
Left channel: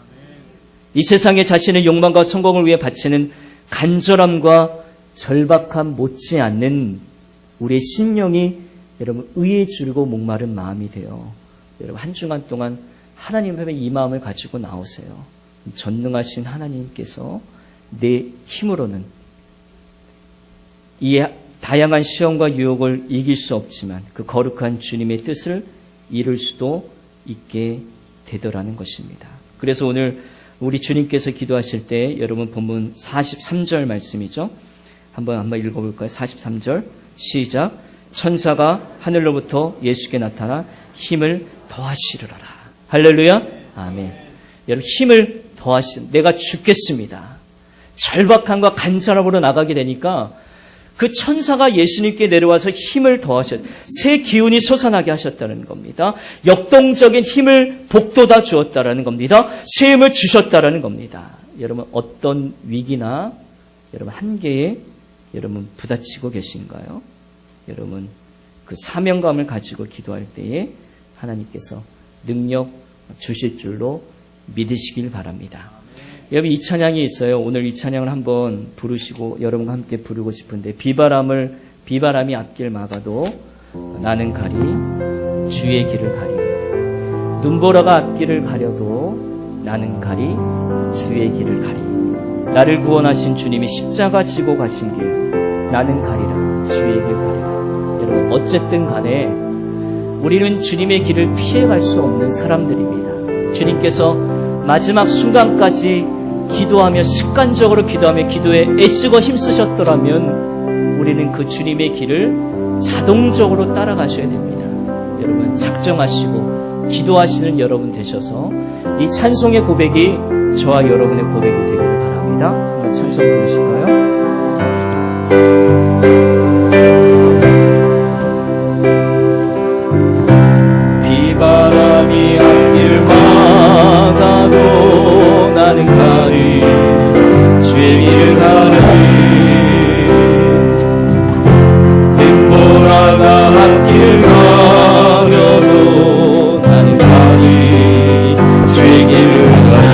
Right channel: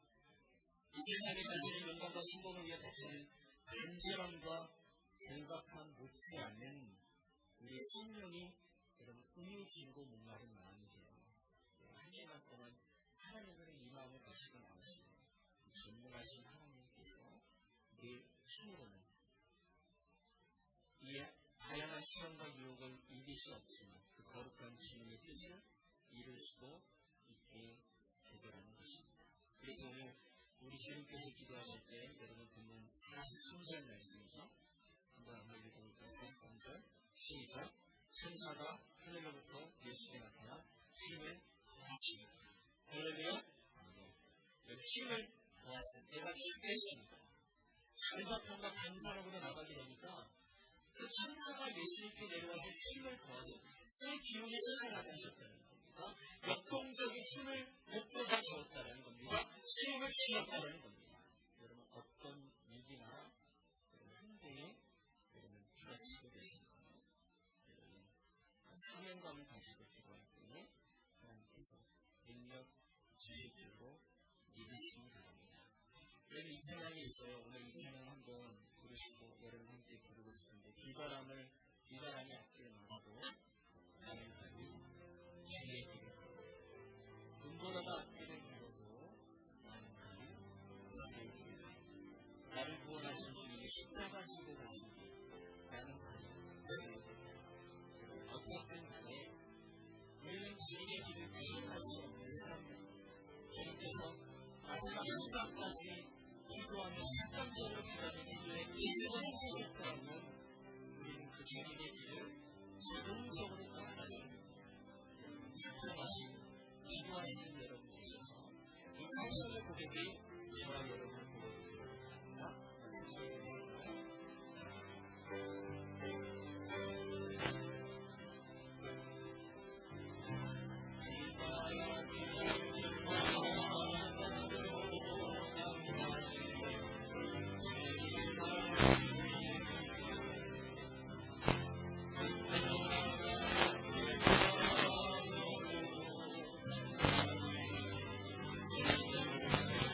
이 세상에 자신의 욕망과 성공을 위해 바치는 간절함과 절박함 못지않는 우리의 심령이 여러분 의에 줄고 목마른 마음이 되어 여러분 한 주간 동안 하나님 앞에 이 마음을 가지고 나오세요. 전능하신 하나님께서 내 힘으로는 이 다양한 시험과 유혹을 이길 수 없지만 그 거룩한 주님의 뜻을 이룰 수도 있게 되더라는 것입니다. 그래서 오늘 우리 주님께서 기도하실 때 여러분 본문 43절 말씀이죠. 한번 읽어볼까요? 43절 시작. 천사가 하늘로부터 예수께 나타나 힘을 더하시리로라. 할렐루야. 아멘. 여러분 힘을 내가 죽겠습니다. 절박함과 간절함으로 나가게 되니까 그 천사가 예수님께 내려와서 힘을 새 기운이 솟아나게 하셨다는 겁니다. 역동적인 힘을 복돋아 주었다라는 겁니다. 새 힘을 주셨다라는 겁니다. 여러분 어떤 위기나 여러분 한계에 여러분 부딪히고 계신가요? 여러분 그 사명감을 가지고 기도할 때에 하나님께서 능력 주실 줄로 믿으시길 바랍니다. 여러분 이 찬양이 있어요. 오늘 이 찬양을 한번 부르시고 여러분과 함께 부르고 싶은데 비바람이 앞길 막아도 나는 가리 주의 길을 가리 눈보라가 앞길을 가려도 나는 가리 주의 길을 가리 나를 구원하신 주님이 십자가 지고 가신 길 나는 가리라 주의 길 가리라. 여러분 어쨌든 간에 우리는 주님의 길을 피해갈 수 없는 사람들입니다. 주님께서 마지막 순간까지 기도하며 습관적으로 기도하며 기도에 애쓰고 힘쓰셨더라면 우리는 그 주님의 길을 자동적으로 따라가셔야 됩니다. 여러분 작정하시고 기도하시는 여러분 되셔서 이 찬송의 고백이 저와 여러분의 고백이 되기를 바랍니다. 한번 찬송 부르실까요? 비바람이 앞길 막아도 나는 가리 주의 길을 가리 눈보라가 앞길 가려도 나는 가리 주의 길을 가리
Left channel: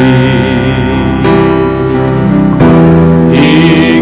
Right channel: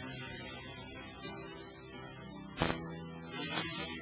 이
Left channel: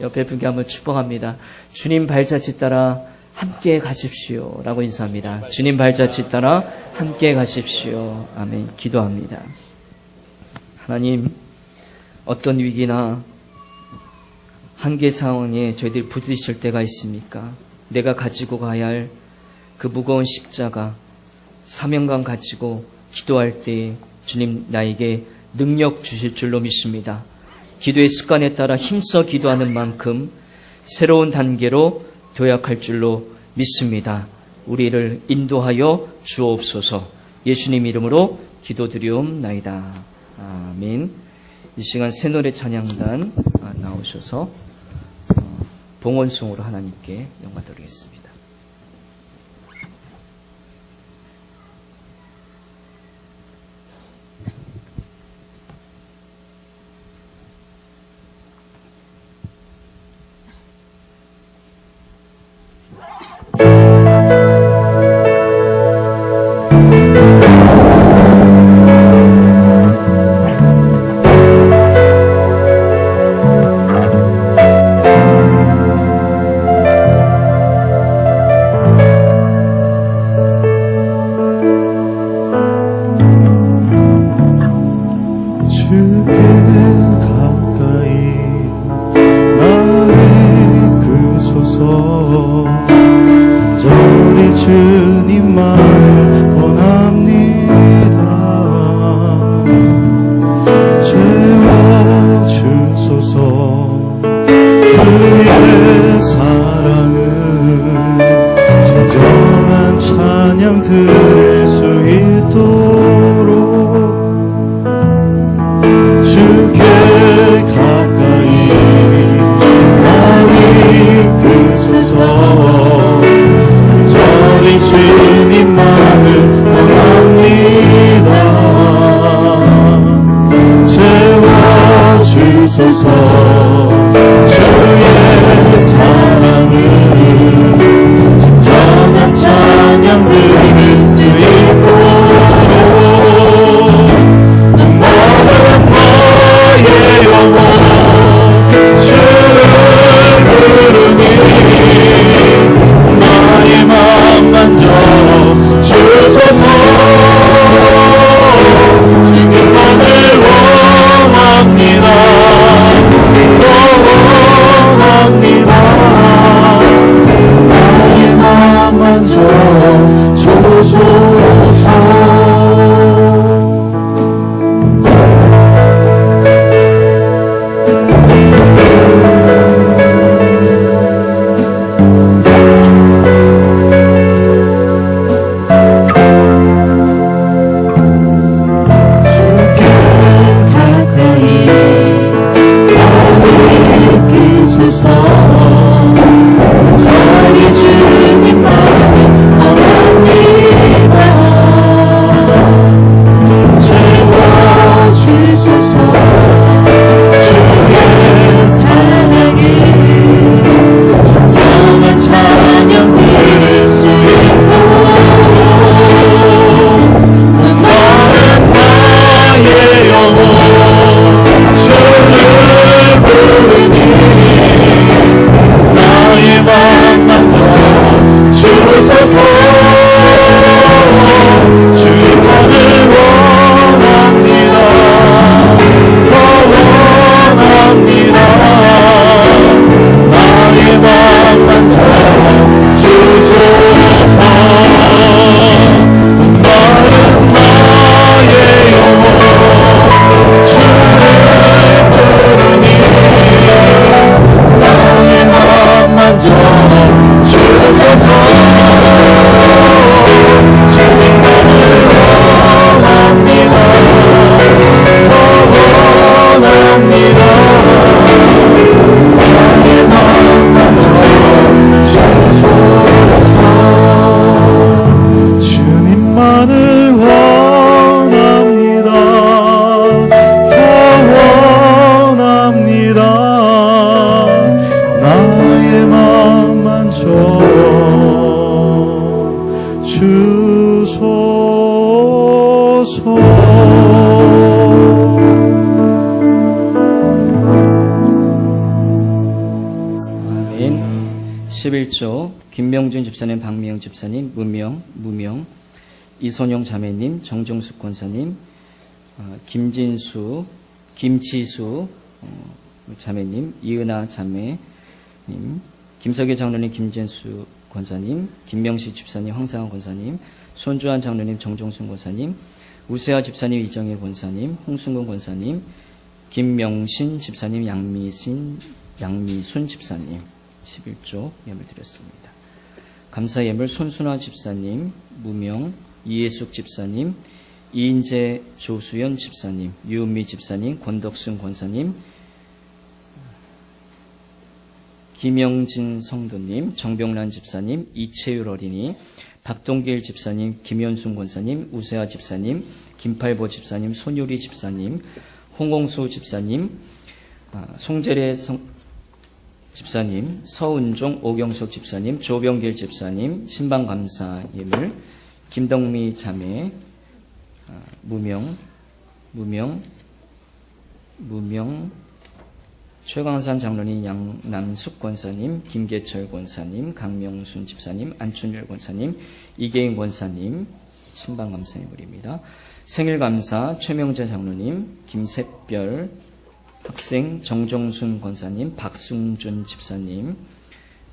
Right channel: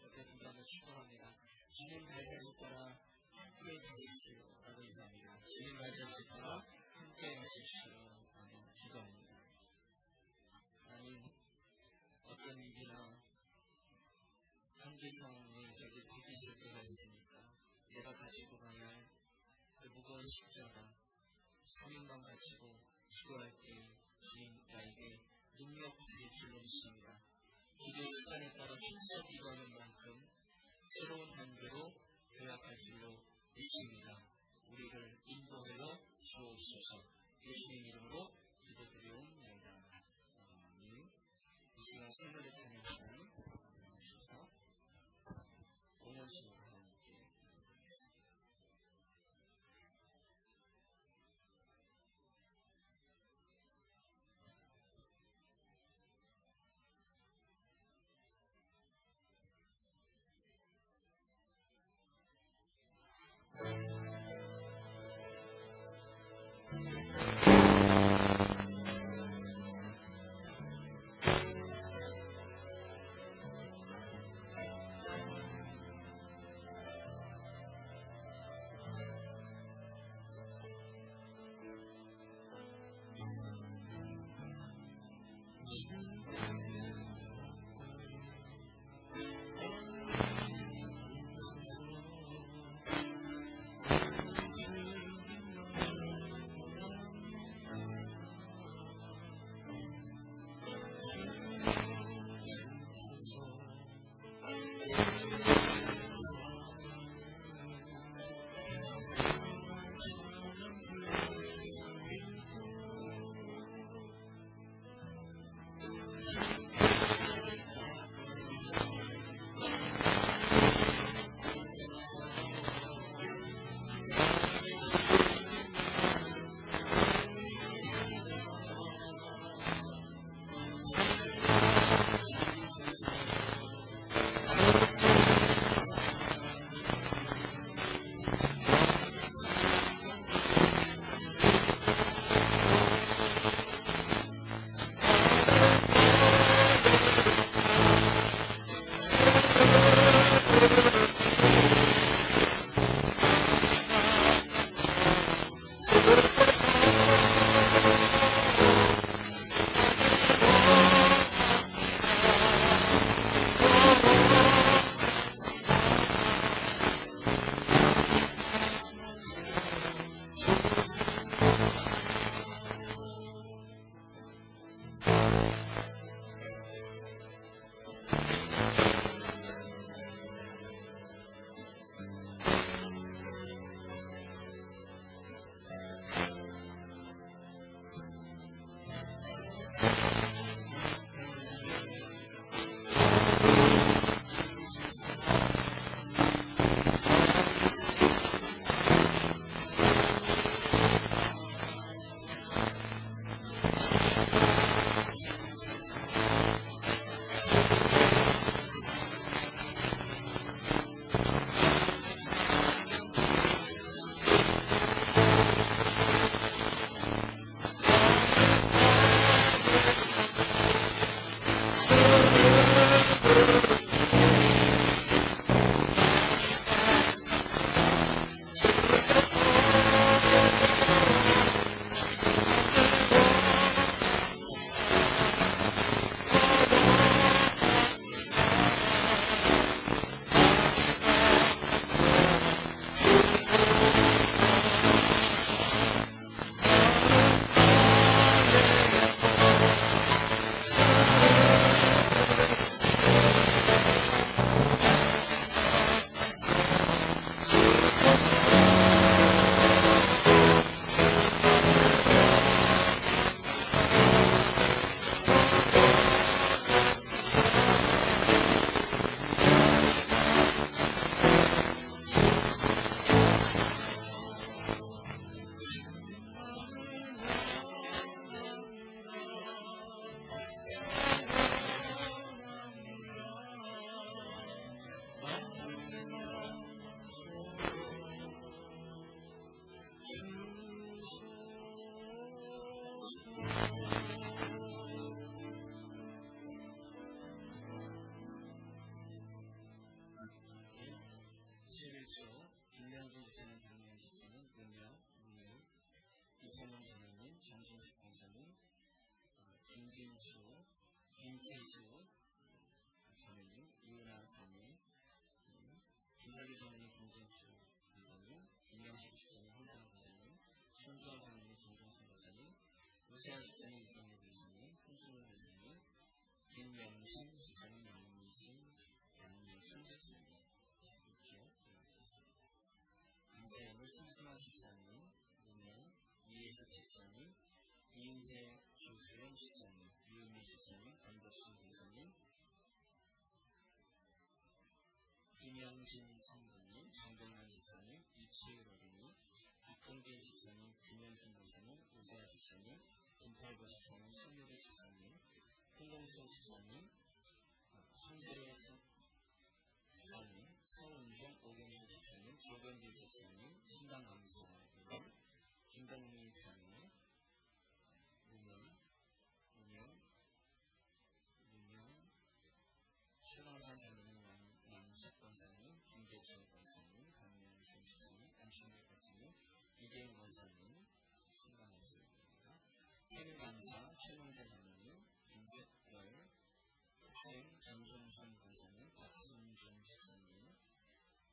옆에 분께 한번 축복합니다. 주님 발자취 따라 함께 가십시오 라고 인사합니다. 주님 발자취 따라 함께 가십시오. 아멘. 기도합니다. 하나님, 어떤 위기나 한계 상황에 저희들이 부딪힐 때가 있습니까? 내가 가지고 가야 할 그 무거운 십자가, 사명감 가지고 기도할 때 주님 나에게 능력 주실 줄로 믿습니다. 기도의 습관에 따라 힘써 기도하는 만큼 새로운 단계로 도약할 줄로 믿습니다. 우리를 인도하여 주옵소서. 예수님 이름으로 기도드리옵나이다. 아멘. 이 시간 새노래 찬양단 나오셔서 봉헌송으로 하나님께 영광 돌리겠습니다. 아멘. 11조 김명준 집사님, 박미영 집사님, 무명, 이선용 자매님, 정종숙 권사님, 김지수 자매님, 이은아 자매님, 김석희 장로님, 김진수 권사님, 김명식 집사님, 황상환 권사님, 손주환 장로님, 정종순 권사님, 우세아 집사님, 이정혜 권사님, 홍순근 권사님, 김명신 집사님, 양미순 집사님 11조 예물 드렸습니다. 감사 예물 손순화 집사님, 무명, 이예숙 집사님, 이인재 조수연 집사님, 유은미 집사님, 권덕순 권사님, 김영진 성도님, 정병란 집사님, 이채율 어린이, 박동길 집사님, 김현순 권사님, 우세아 집사님, 김팔보 집사님, 손유리 집사님, 홍홍수 집사님, 송재래 집사님, 서은종, 오경석 집사님, 조병길 집사님, 신방감사 예물, 김덕미 자매, 무명, 최광산 장로님, 양남숙 권사님, 김계철 권사님, 강명순 집사님, 안춘율 권사님, 이계인 권사님, 신방감사 예물입니다. 생일감사 최명재 장로님, 김샛별 학생, 정정순 권사님, 박승준 집사님,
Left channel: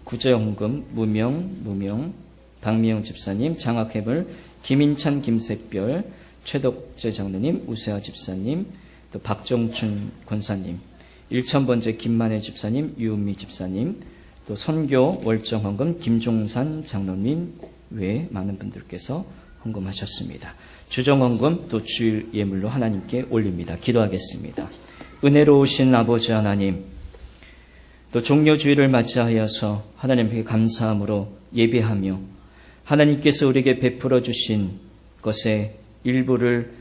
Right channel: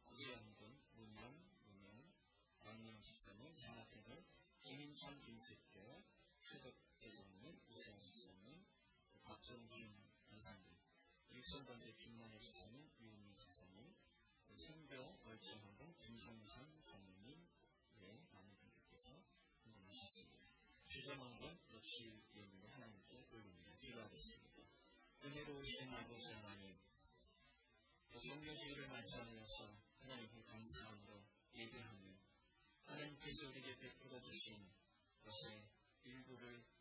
구제헌금, 무명, 박미영 집사님, 장학회벌, 김인찬, 김샛별, 최덕재 장로님, 우세아 집사님, 또 박정춘 권사님, 일천번째 김만혜 집사님, 유은미 집사님, 또 선교 월정헌금 김종산 장로님 외에 많은 분들께서 헌금하셨습니다. 주정헌금 또 주일 예물로 하나님께 올립니다. 기도하겠습니다. 은혜로우신 아버지 하나님, 또 종료주일을 맞이하여서 하나님께 감사함으로 예배하며 하나님께서 우리에게 베풀어 주신 것의 일부를